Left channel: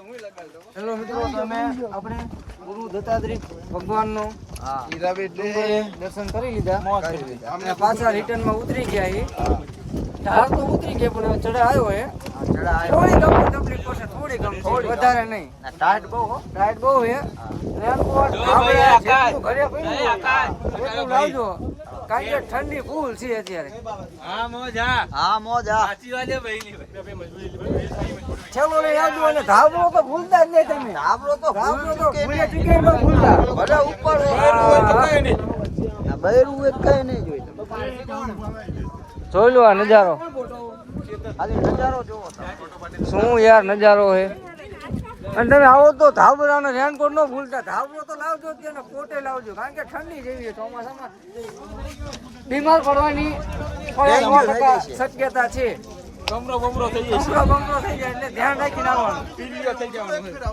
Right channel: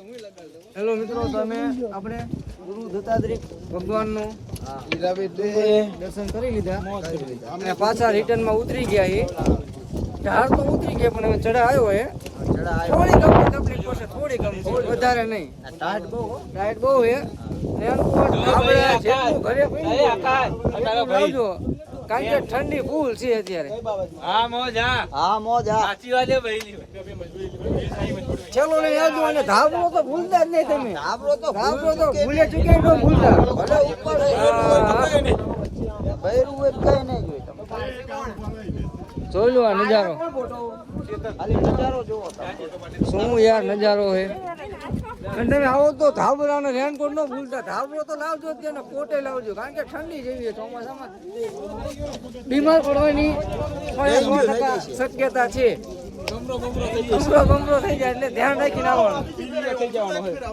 Hello મિત્રો, તમે આપણે ગુરુ દત્તાત્રેય ભગવાનનો દર્શન કરી લીધા અને પાછા રિટર્ન માં ઉતરી ગયા. એ ઢાળ તો ઉતરી ગયા પણ હવે ચડા આવ્યો હે. થોડી તકલીફ પડશે, થોડી ગમ છે, વધારે નહીં. ટાઈટ બહુ હે. રેનકોટ આપણે જેટલું ઘરે પડ્યું લાવજો, કારણ કે ઠંડી ફૂલ છે અત્યારે. ચલો લઈ આવજો અને ધાબળો તો ભૂલતા જ નહીં તમે. ધાબળો તો ભૂલે ચૂકે ન ભૂલતા. ભલે ઉપર જોઈ લો આ નજારો. શું યાર નજારો હે. અને તમે આવો તો ધાબળા ને રેનકોટ નો ભૂલતા. ધાબળો તો લાવજો જ ને કોટે લાવજો, કારણ કે ઠંડી જેવી છે ચોમાસામાં. બીમાર પડવાની 100% શક્યતા છે. બમરો થઈ જાય એટલે ધ્યાન રાખીને આવવાનું.